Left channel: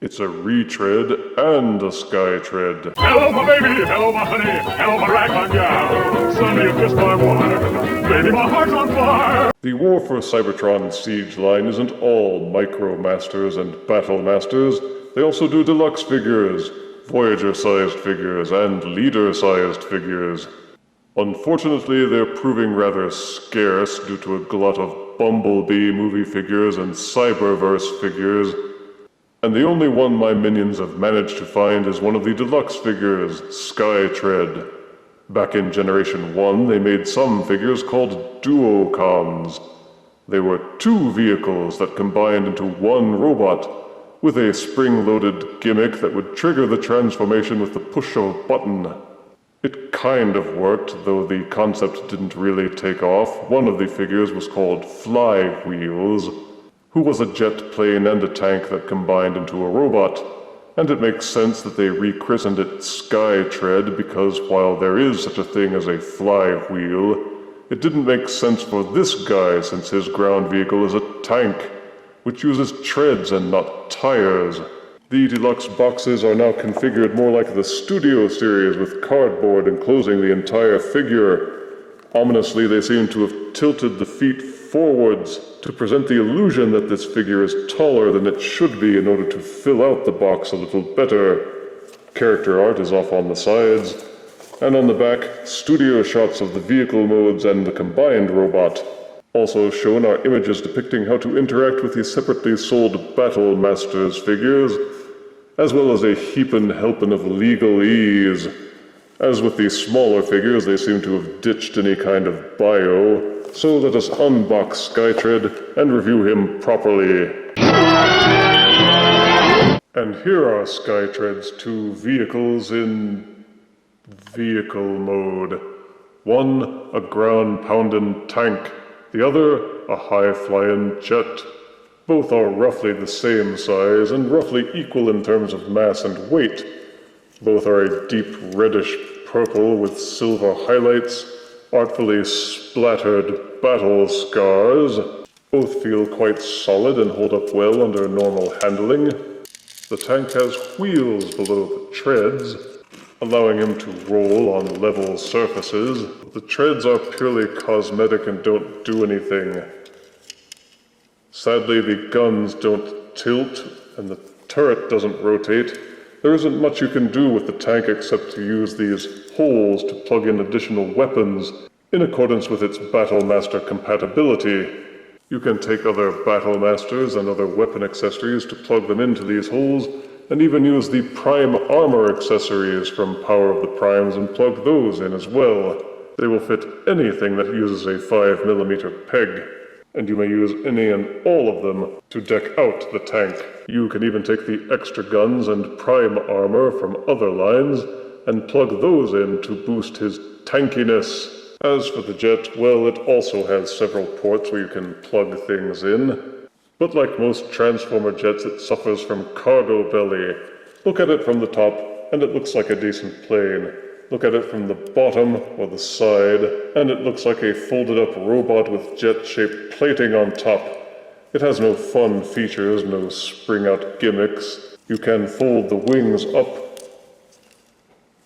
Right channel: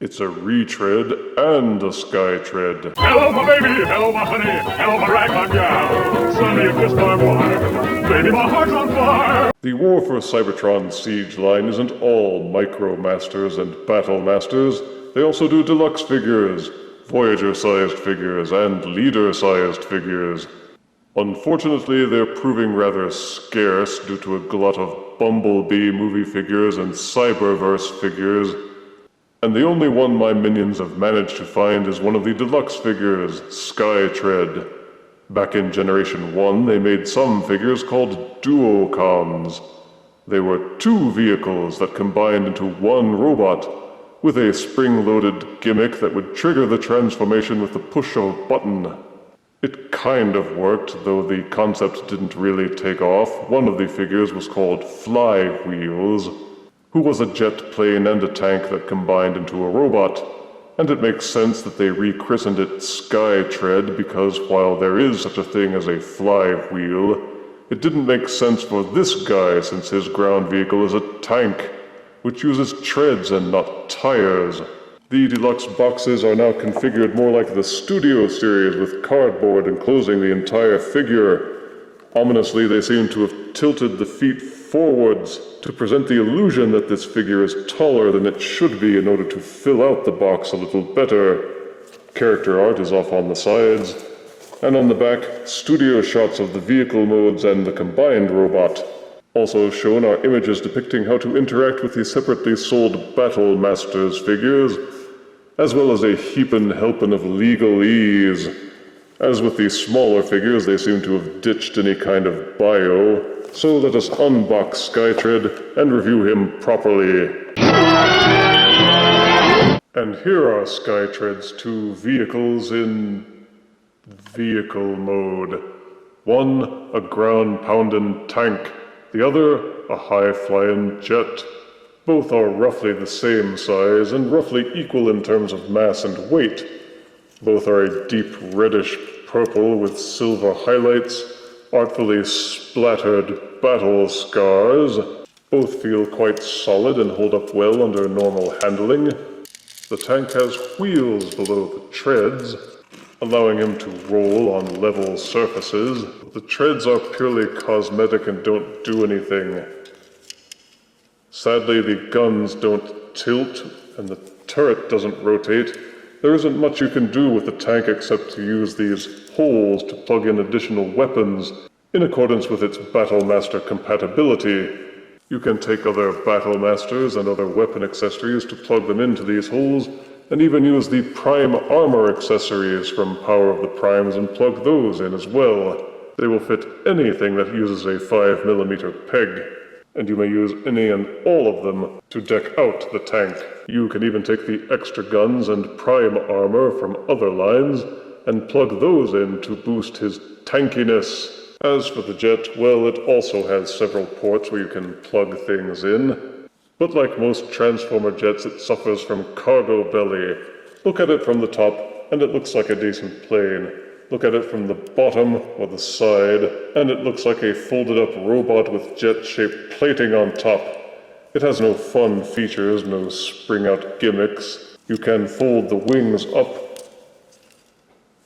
It's a retread and a Skytread. Hello, my baby! Hello, my honey! Hello, my ragtime gal! Suddenly you kissed my wire! Baby, my heart's on fire! The War for Cybertron Siege line isn't all Micro Masters and Battle Masters. They also do Deluxe figures, Voyager-sized figures, and Leader-sized figures. Unfortunately, they're proving rather scarce due to a glut of Bumblebee movie figures and Cyberverse figures. And the only one my minions have managed to find is one of the Deluxe figures, Skytread. Back in Generation 1, they made some figures called Duocons. They were two vehicles that combined into one robot, with a spring-loaded gimmick that would trigger the transformation with the push of a button. It kind of worked, though the concept didn't really take off. One of the figures was called Flywheels, who was a jet plane and a tank that combined into a robot. And it makes sense that they rechristened it Skytread, because while there is such a thing as a flywheel, it didn't make sense for this guy since his ground vehicle is a tank, which uses treads and not tires. The Deluxe boxes are now configured more like the Studio series, with cardboard enclosing the entire figure. Ominously, they seem to have tilted the feet forwards to present the illusion that this figure is taller than it should be in order to fill out the box a little better. Character art is off on the sides, and on the back, studio shots of the vehicle modes and the combined robot. Also shown are images depicting how to interact with the separately sold Battle Masters figures, as well as a heapin' helpin' of legalese. As with the smaller figures, they seem to have ditched any kind of bio, so let us unbox Skytread and review him properly. And here are Skytread's two vehicles in vehicle mode. One, a ground-pounding tank. The other, a high-flying jet. Both are roughly the same size and roughly equal in terms of mass and weight. Both are a deep reddish purple with silver highlights, artfully splattered battle scars. Both feel quite solid and hold up well under normal handling. The tank has wheels below the treads, allowing him to roll on level surfaces. The treads are purely cosmetic and don't do anything. Sadly, the guns don't tilt, and the turret doesn't rotate. There isn't much you can do with the tank except to use these holes to plug in additional weapons in accordance with its Battlemaster compatibility. You can take other Battlemasters and other weapon accessories to plug them into these holes, and even use the Prime Armor accessories from Power of the Primes and plug those in as well. They will fit anything that uses a 5mm peg, and you may use any and all of them to deck out the tank. You can even take the extra guns and prime armor from other lines and plug those in to boost his tankiness. As for the jet, well, it also has several ports where you can plug things in. But like most Transformer jets, it suffers from cargo belly. Look at it from the top, and it looks like a decent plane. Look at it from the bottom or the side, and it looks like a folded-up robot with jet-shaped plating on top. It has no fun features, no spring-out gimmicks. You can fold the wings up,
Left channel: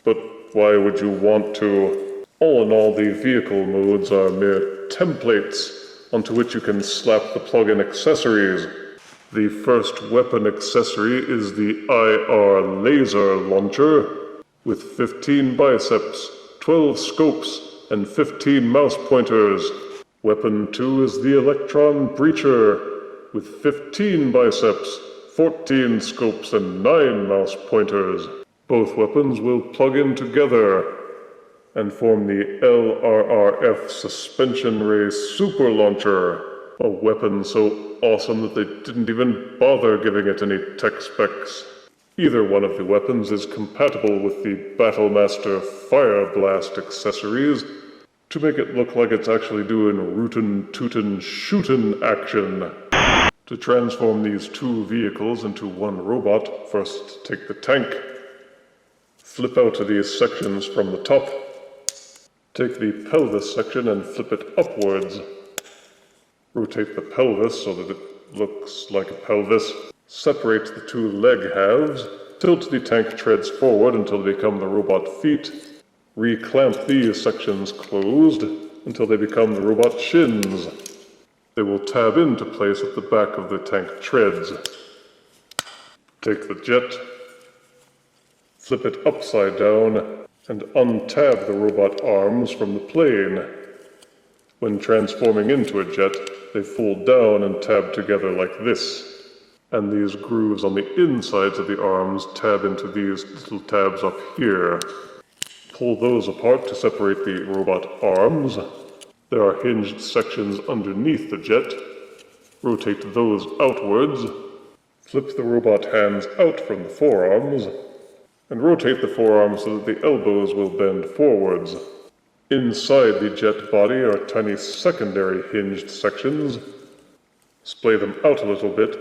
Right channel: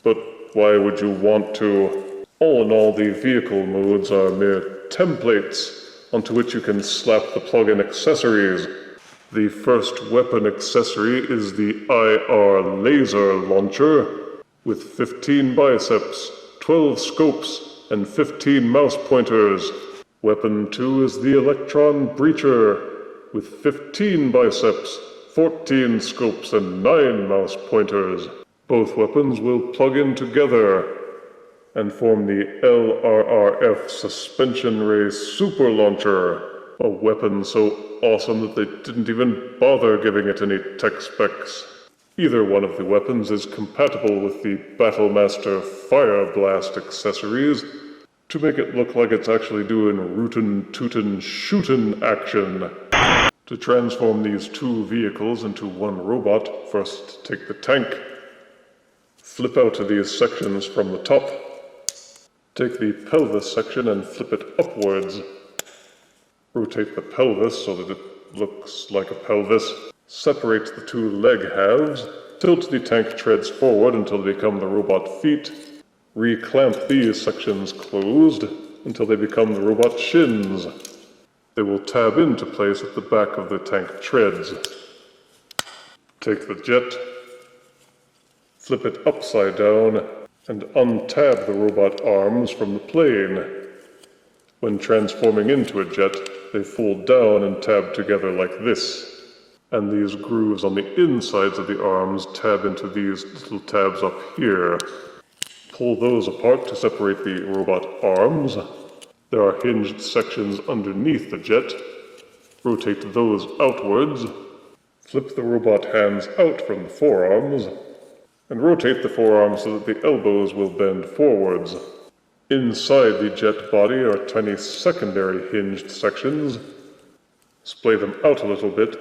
but why would you want to? All in all, the vehicle modes are mere templates onto which you can slap the plug-in accessories. The first weapon accessory is the IR laser launcher, with 15 biceps, 12 scopes, and 15 mouse pointers. Weapon 2 is the Electron Breacher, with 15 biceps, 14 scopes, and 9 mouse pointers. Both weapons will plug in together and form the LRRF Suspension Ray Super Launcher, a weapon so awesome that they didn't even bother giving it any tech specs. Either one of the weapons is compatible with the Battlemaster Fire Blast accessories to make it look like it's actually doing rootin' tootin' shootin' action. To transform these two vehicles into one robot, first take the tank, flip out of these sections from the top, take the pelvis section and flip it upwards. Rotate the pelvis so that it looks like a pelvis. Separate the two leg halves. Tilt the tank treads forward until they become the robot feet. Reclamp these sections closed until they become the robot shins. They will tab into place at the back of the tank treads. Take the jet, flip it upside down, and untab the robot arms from the plane. When transforming into a jet, they fold down and tab together like this. And these grooves on the insides of the arms tab into these little tabs up here. Pull those apart to separate the robot arms. There are hinged sections underneath the jet. Rotate those outwards. Flip the robot hands out from the forearms. And rotate the forearms so that the elbows will bend forwards. Inside the jet body are tiny secondary hinged sections. Splay them out a little bit,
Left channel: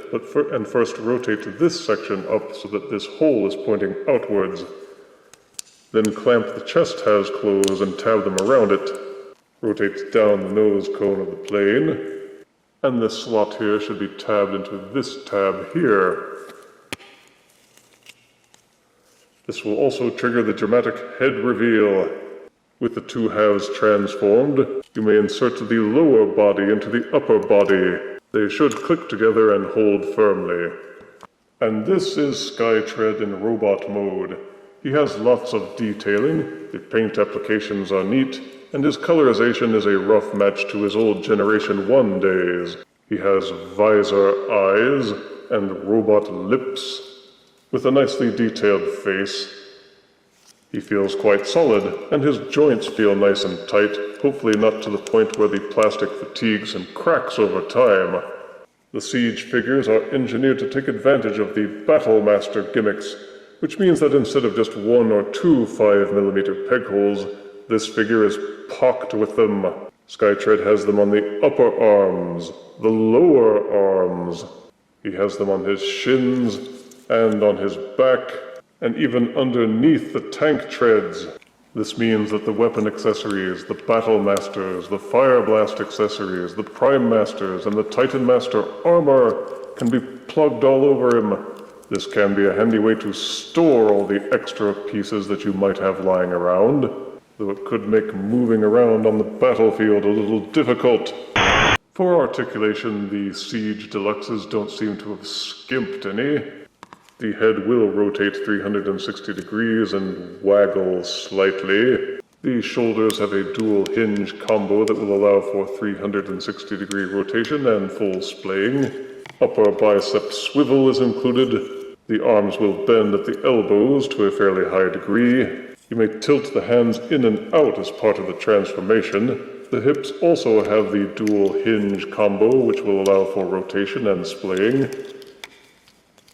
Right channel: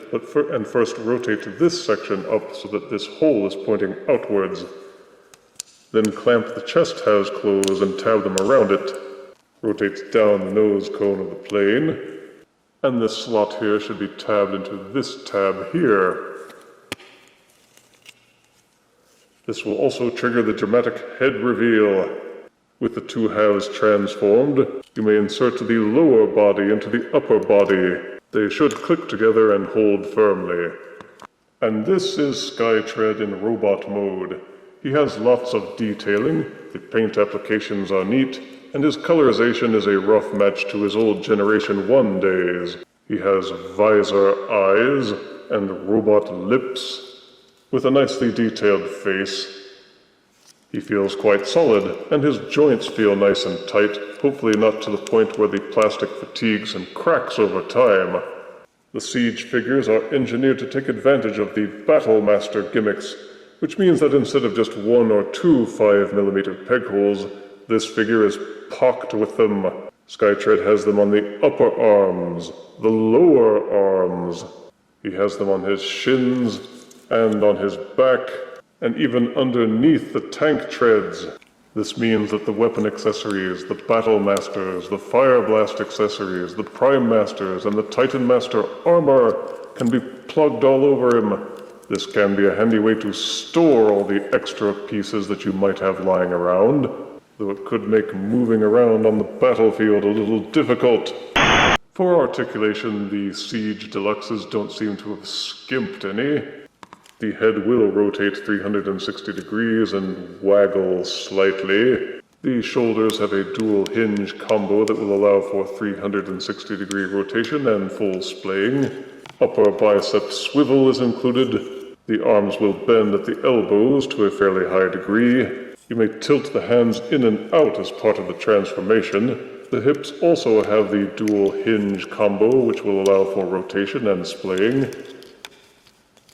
and first rotate this section up so that this hole is pointing outwards. Then clamp the chest halves closed and tab them around it. Rotate down the nose cone of the plane. And this slot here should be tabbed into this tab here. This will also trigger the dramatic head reveal. With the two halves transformed, you may insert the lower body into the upper body. They should click together and hold firmly. And this is Skytread in robot mode. He has lots of detailing, the paint applications are neat, and his colorization is a rough match to his old Generation 1 days. He has visor eyes and robot lips, with a nicely detailed face. He feels quite solid, and his joints feel nice and tight, hopefully not to the point where the plastic fatigues and cracks over time. The Siege figures are engineered to take advantage of the Battlemaster gimmicks, which means that instead of just 1 or 2 5mm peg holes, this figure is pocked with them. Skytread has them on the upper arms, the lower arms. He has them on his shins and on his back, and even underneath the tank treads. This means that the weapon accessories, the Battle Masters, the Fire Blast accessories, the Prime Masters, and the Titan Master armor can be plugged all over him. This can be a handy way to store all the extra pieces that you might have lying around, though it could make moving around on the battlefield a little difficult. For articulation, the Siege Deluxes don't seem to have skimped any. The head will rotate 360 degrees and waggle slightly. The shoulders have a dual hinge combo that will allow for 360-degree rotation and full splaying. Upper bicep swivel is included. The arms will bend at the elbows to a fairly high degree. You may tilt the hands in and out as part of the transformation. The hips also have the dual hinge combo, which will allow for rotation and splaying,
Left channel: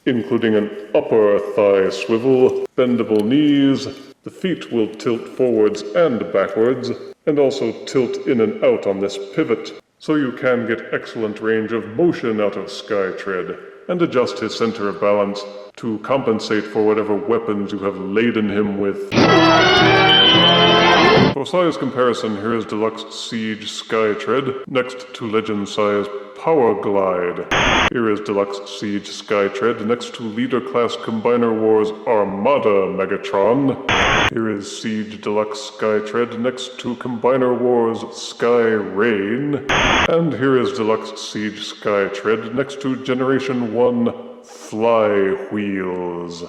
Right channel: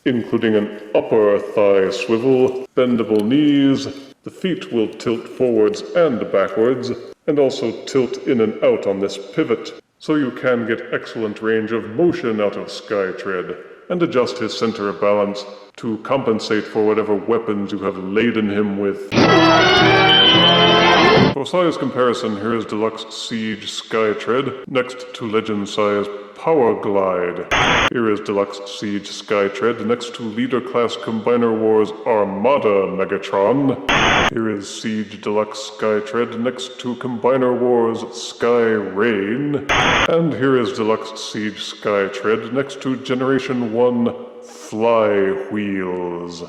including an upper thigh swivel, bendable knees. The feet will tilt forwards and backwards, and also tilt in and out on this pivot, so you can get excellent range of motion out of Skytread, and adjust his center of balance to compensate for whatever weapons you have laden him with. For size comparison, here is Deluxe Siege Skytread, next to Legend size Power Glide. Here is Deluxe Siege Skytread next to Leader Class Combiner Wars Armada Megatron. Here is Siege Deluxe Skytread next to Combiner Wars Sky Rain. And here is Deluxe Siege Skytread next to Generation 1 Fly Wheels.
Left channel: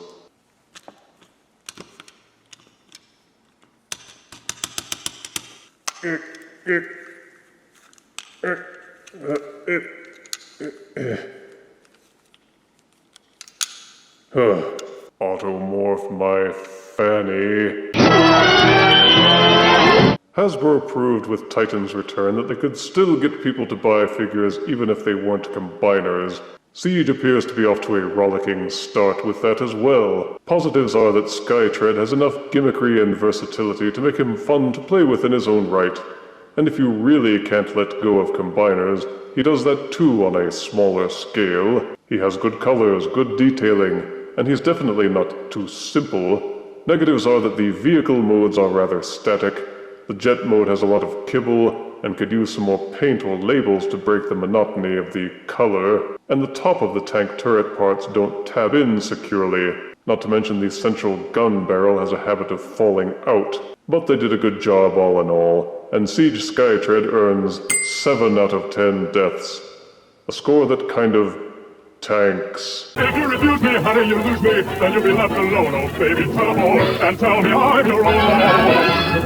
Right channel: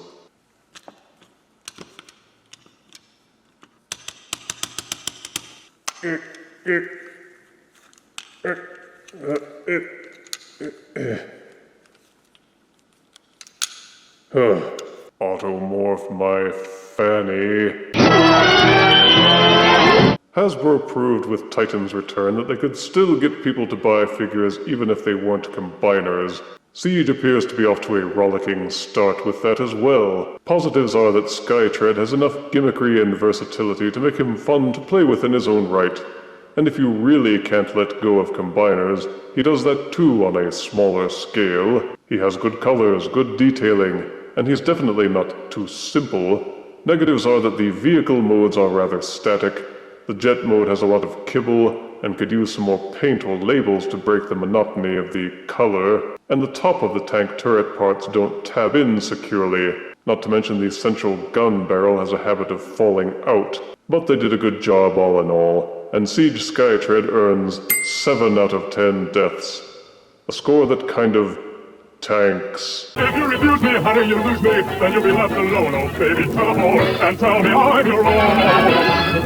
Automorph my fanny. Hasbro proved with Titan's return that they could still get people to buy figures even if they weren't combiners. Siege appears to be off to a rollicking start with that as well. Positives are that Skytread has enough gimmickry and versatility to make him fun to play with in his own right. And if you really can't let go of combiners, he does that too on a smaller scale. He has good colors, good detailing, and he's definitely not too simple. Negatives are that the vehicle modes are rather static, the jet mode has a lot of kibble, and could use some more paint or labels to break the monotony of the color. And the top of the tank turret parts don't tab in securely, not to mention the central gun barrel has a habit of falling out. But they did a good job all in all, and Siege Skytread earns 7 out of 10 deaths. A score that kind of tanks. If you refuse me, honey, you lose me, then you'll be left alone. Oh, baby, tell them all, and tell me I'm your own.